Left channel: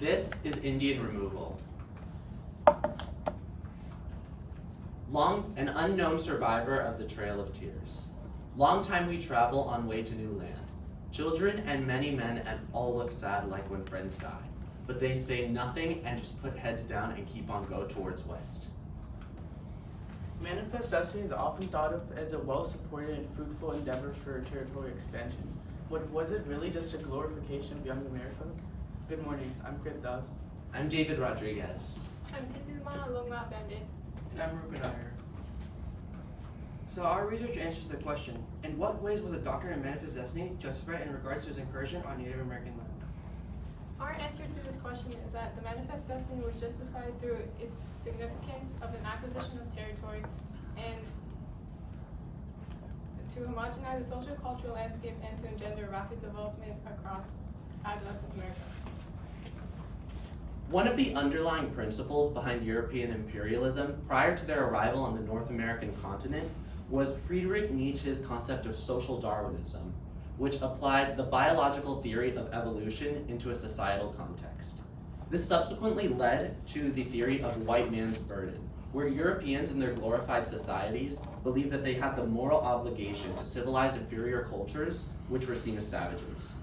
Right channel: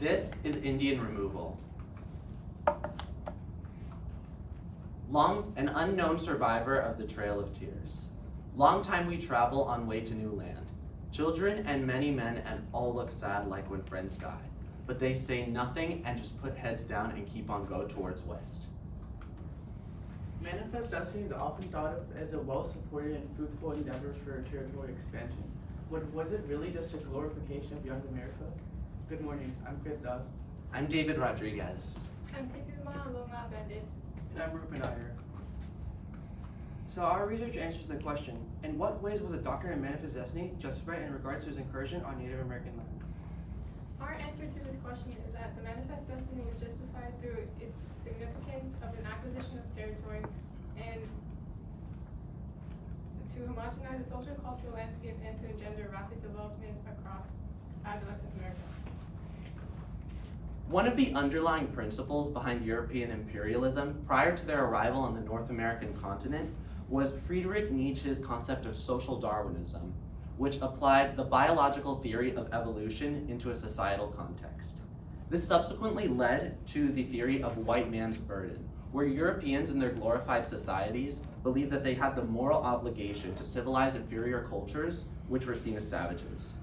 This is Indian removal. An unknown survivor of the Trail of Tears. Long time we travel on way to new land. Children and many men and all look sad like when friends die. But they say nothing and just put heads down and keep on go towards west. Manifest Destiny is often thought of as a well-supported and fruitful endeavor for territorial expansion. But was it really just a glorification of young America? Good morning, I'm Krit Das. I'm David Rodriguez. I'm Titilma Lunga Bandit. And I'm Rupen Iyer. So our research answers the question, in what ways was the doctrine of Manifest Destiny justified in regards to its incursion on Native American land? Our answer to this question is that the Manifest Destiny was justified through its significance of an acquisition of territory and to homogenize the social cultural landscape and to engender rapid development across adolescent America. One of the underlying principles behind European imperialism prior to their arrival on the North American continent was Friedrich Nietzsche's concept of social Darwinism, which applied the biological theory of evolution into a societal context. This subsequently led to the theory of white man's burden, where Europeans in their glorified societies believed that they had the moral obligation to civilize inferior cultures, which were seen as savages.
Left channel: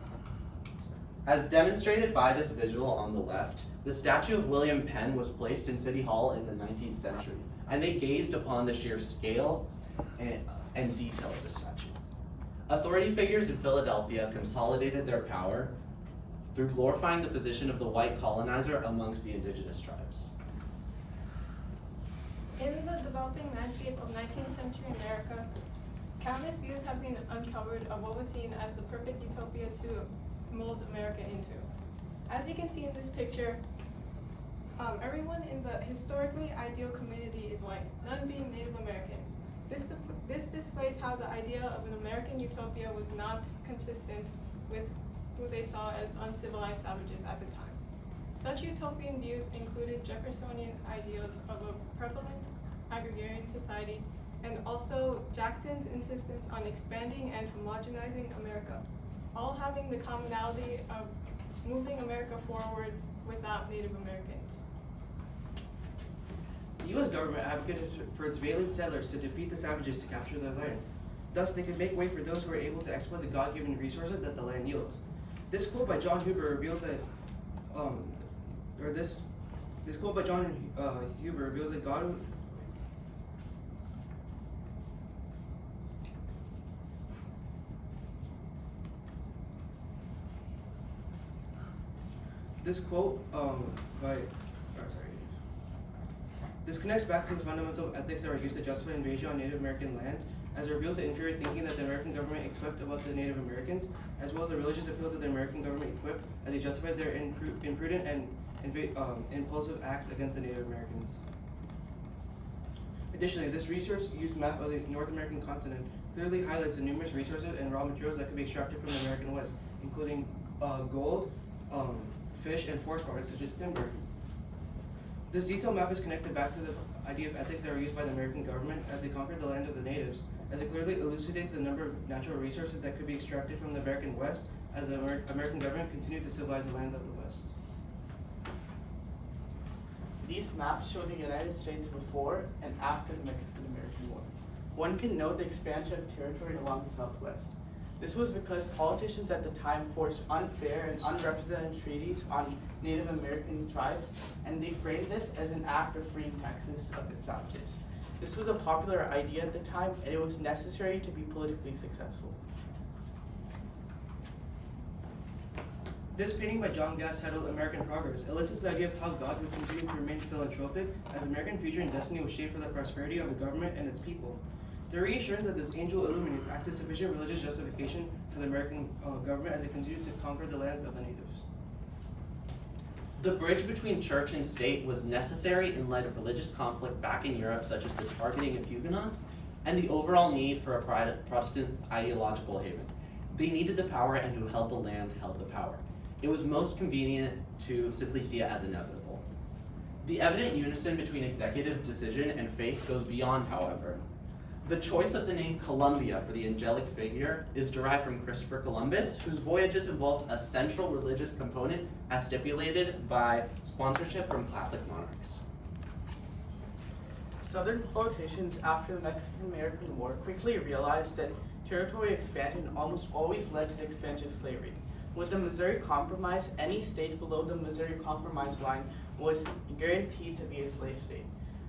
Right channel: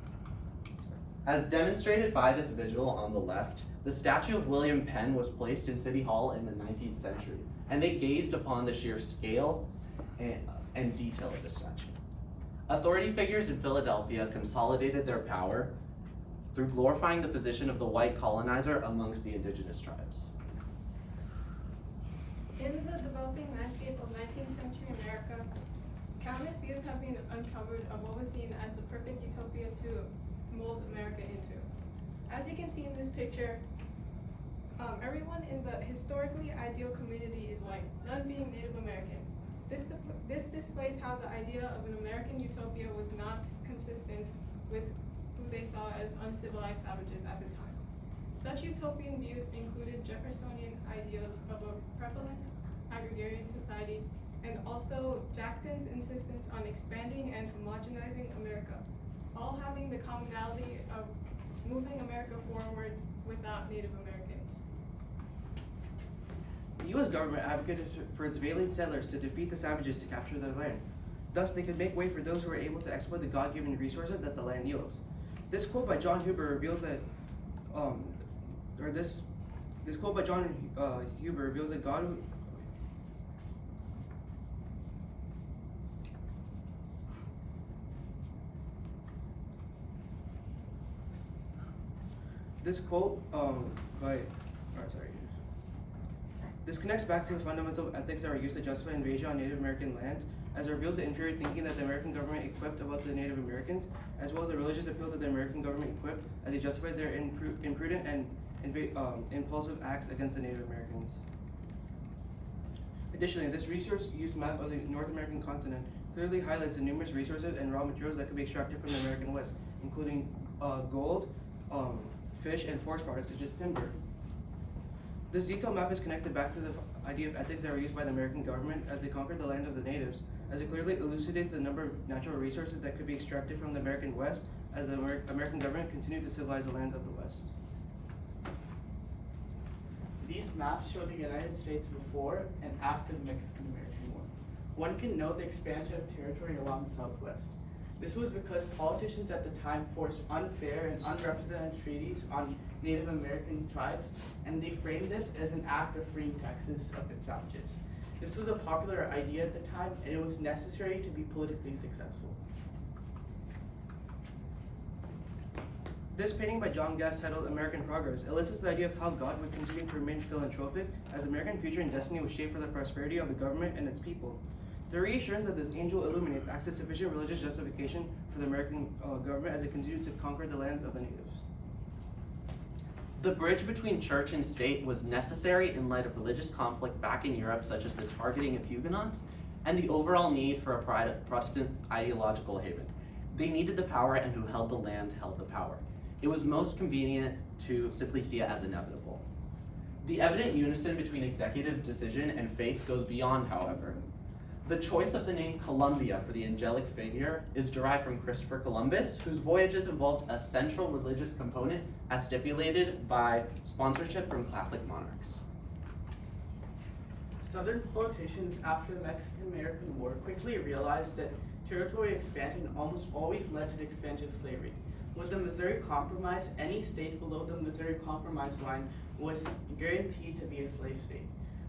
As demonstrated by this visual on the left, the statue of William Penn was placed in City Hall in the 19th century, and they gazed upon the sheer scale and detail of the statue. Authority figures in Philadelphia consolidated their power through glorifying the position of the white colonizer amongst the indigenous tribes. In the developing landscape of 19th century America, countless views have been uncovered of what was seen as the perfect utopia to mold America into. As you can see in this picture, everyone in the historically ideal community is white, none being Native American. This displays how the idea of an American utopia was not consistent with who they saw as uncivilized savages at the time. Such utopian views included Jeffersonian ideals of a prevalent agrarian society and also Jackson's insistence on expanding and homogenizing America, all having the commonality of moving America forward without Native Americans. The U.S. government advocated for its valiant settlers to defeat the savages to capture their land. Thus, they could make way for those who are able to exploit the God-given resources that the land yields. This quote by John Huber reveals that, this quote by John Huber reveals that God. This quote This connects back to the fundamental ethics that were used to justify invasion on Native American land, as it reveals the inferior thinking that the American government equipped about the Native Americans, as well as the religious appeal that the American government equipped as they justified their imprudent and impulsive acts against the Native Americans. Additionally, this resource-use map of the North American continent clearly highlights the numerous resources and raw materials that could be extracted from the American West, including gold, fish, and forest products such as timber. This detailed map is connected back to the idea of ethics that were used by the American government as they conquered the land of the natives, as it clearly elucidates the number of natural resources that could be extracted from the American West as the American government continued to civilize the lands of the West. These maps show the United States before and after the Mexican-American War. One can note the expansion of territory along the Southwest. This was because politicians at the time forced unfair and unrepresented treaties on Native American tribes, and they framed this as an act of freeing Texas of its savages. This was a popular idea at the time, and it was necessary to be politically successful. This painting by John Gass, titled American Progress, elicits the idea of how God would continue to remain philanthropic as American future and destiny was shaped for the prosperity of the government and its people. The reassurance that this angel illuminates acts as sufficient religious justification for the American government as it continued to conquer the lands of the natives. The bridge between church and state was necessary in light of religious conflict back in Europe, such as the targeting of Huguenots and the overall need for a Protestant ideological haven. They needed the power, and who held the land held the power. It was most convenient to simply see it as inevitable. The evident unison between executive decision and faith goes beyond, however. The choice of the name Columbia for the angelic figure is derived from Christopher Columbus, whose voyages involved a central religious component as stipulated by sponsorship from Catholic monarchs. Southern politicians after the Mexican-American War quickly realized that territory expansion almost always led to the expansion of slavery. With the Missouri Compromise, any state below the Missouri Compromise line was guaranteed to be a slave state.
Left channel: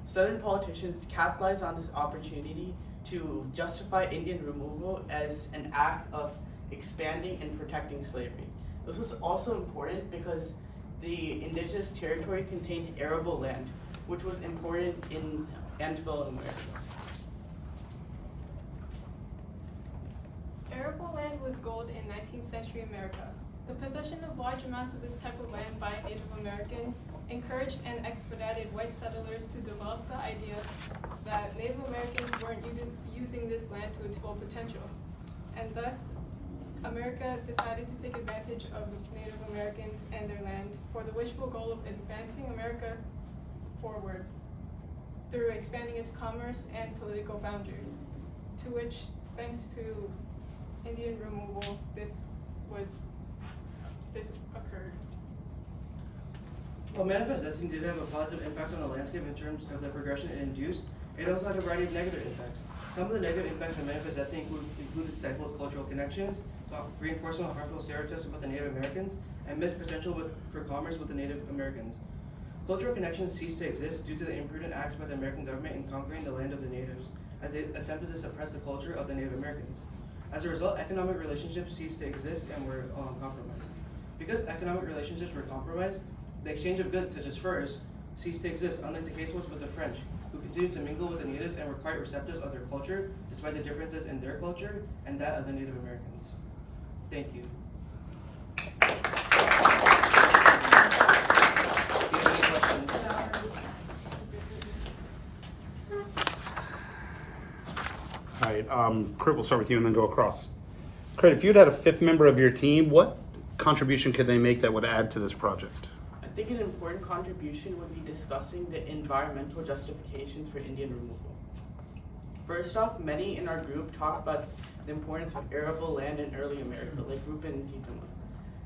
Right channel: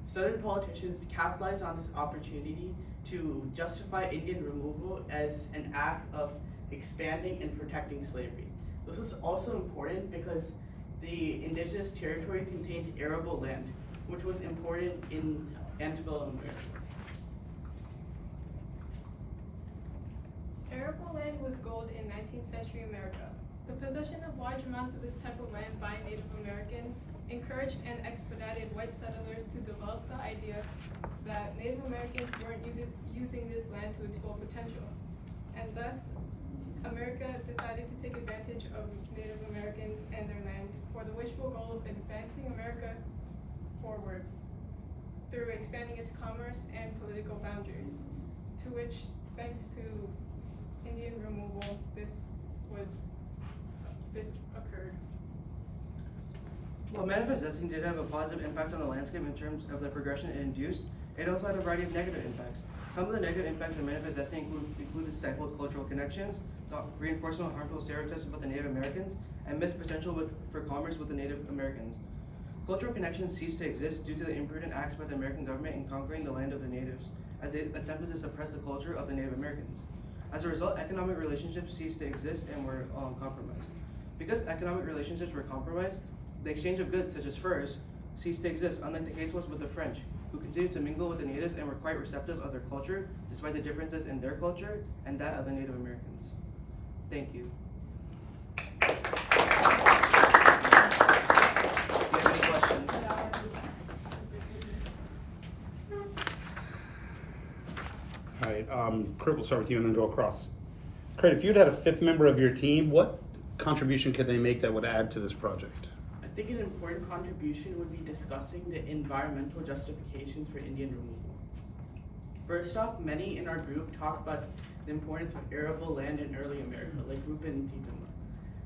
Southern politicians capitalized on this opportunity to justify Indian removal as an act of expanding and protecting slavery. This was also important because the indigenous territory contained arable land, which was important in antebellum America. Arable land was gold in 19th century America. The possession of large amounts of this type of land by Native Americans encouraged and expedited white settlers to develop the idea that Native Americans weren't using this land to its full potential. And thus, America decided to take advantage of Native Americans and their land for the wishful goal of advancing America forward through expanding its commerce and political boundaries, to which, thanks to Indian removal, this occurred. While Manifest Destiny did have a positive impact on the landscape in terms of the progression it induced, it also had a variety of negative impacts. Some of the negative impacts of Manifest Destiny included stifled cultural connections, reinforcement of harmful stereotypes about the Native Americans, and missed potential for commerce with the Native Americans. Cultural connections ceased to exist due to the imprudent acts by the American government in conquering the land of the natives, as they attempted to suppress the culture of the Native Americans. As a result, economic relationships ceased to exist and were compromised. Because economic relationships were compromised, the exchange of goods, such as furs, ceased to exist, unlike the case was with the French, who continued to mingle with the natives and were quite receptive of their culture, despite the differences in their culture and that of the Native Americans. Thank you. Do you have any questions? All right, Kurt, we'll start with you and then go across. Kurt, if you'd had a fifth member of your team, what contribution could they make that would add to this project? I think an important contribution would be discussing the environmental justifications for Indian removal. First off, many in our group talked about the importance of arable land in early America, like Rupen and Tintama.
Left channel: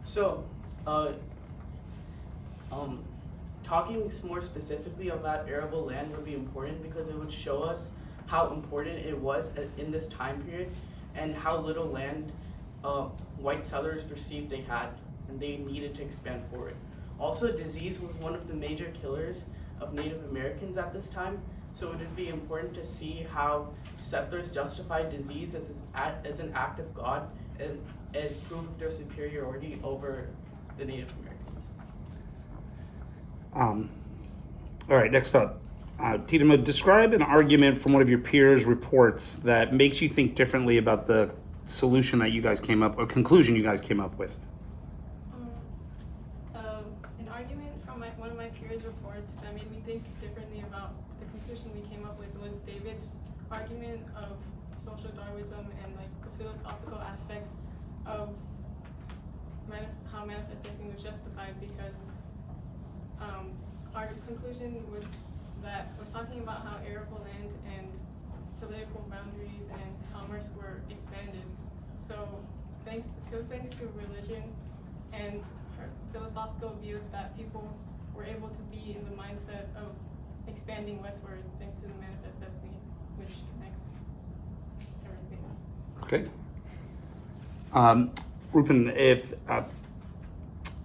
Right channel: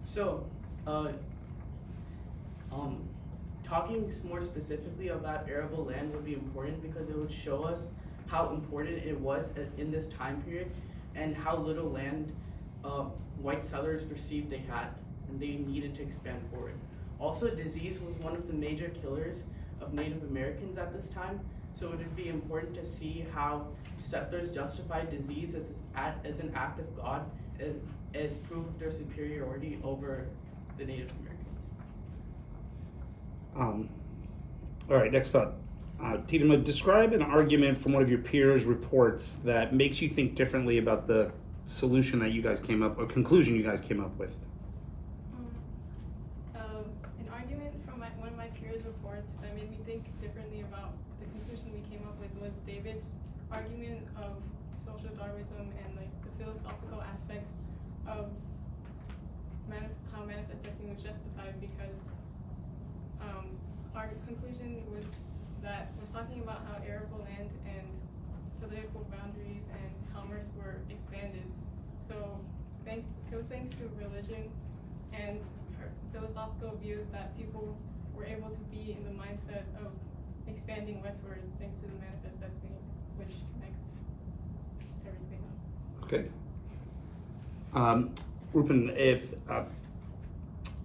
So, talking more specifically about arable land would be important because it would show us how important it was in this time period and how little land white settlers perceived they had and they needed to expand forward. Also, disease was one of the major killers of Native Americans at this time, so it would be important to see how settlers justified disease as an act of God and as proof of their superiority over the Native Americans. All right, next up. Tidima, describe an argument from one of your peers' reports that makes you think differently about the solution that you guys came up, or conclusion you guys came up with. An argument from one of my peers' reports that made me think differently about the conclusion we came up with was David's argument of social Darwinism and like the philosophical aspects of how manifestation was justified, because our conclusion was talking about how arable land and political boundaries and commerce were expanded. So it was thanks to religion and philosophical views that people were able to be in the mindset of expanding westward thanks to the Manifest Destiny, which connects everything. Okay. Rupen,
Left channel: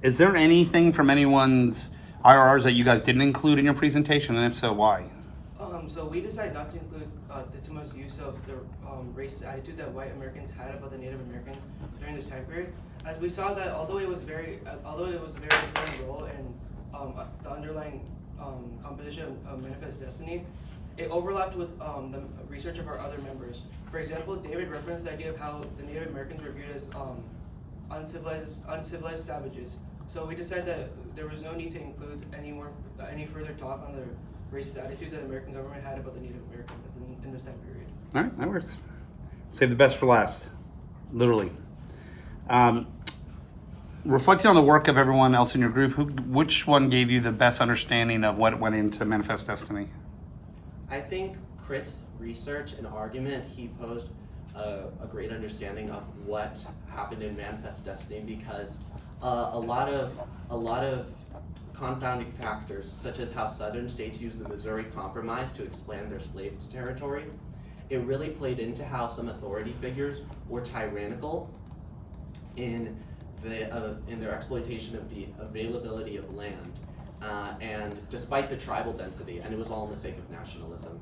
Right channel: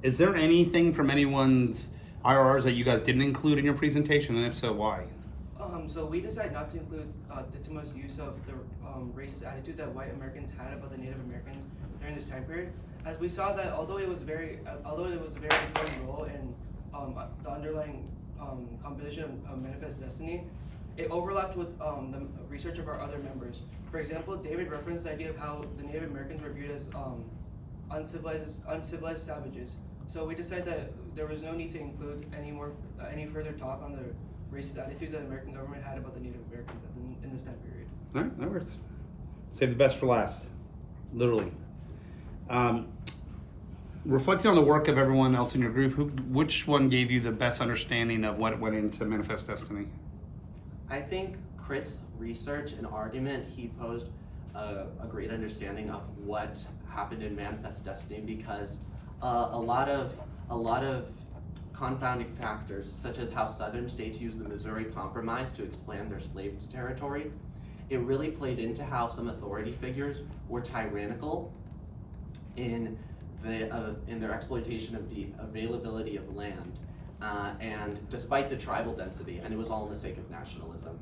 is there anything from anyone's IRRs that you guys didn't include in your presentation, and if so, why? So we decided not to include Tituma's use of the racist attitude that white Americans had about the Native Americans during this time period, as we saw that although it was a very important role in the underlying composition of Manifest Destiny, it overlapped with the research of our other members. For example, David referenced the idea of how the Native Americans were viewed as uncivilized savages. So we decided that there was no need to include any further talk on the racist attitudes that the American government had about the Native Americans in this time period. All right, that works. Save the best for last, literally. Reflecting on the work of everyone else in your group, which one gave you the best understanding of what went into Manifest Destiny? I think Critt's research and argument, he posed a great understanding of what happened in Manifest Destiny, because a lot of confounding factors, such as how southern states used the Missouri Compromise to expand their slave territory, it really played into how some authority figures were tyrannical in their exploitation of the availability of land, and despite the tribal density, and it was all in the sake of nationalism.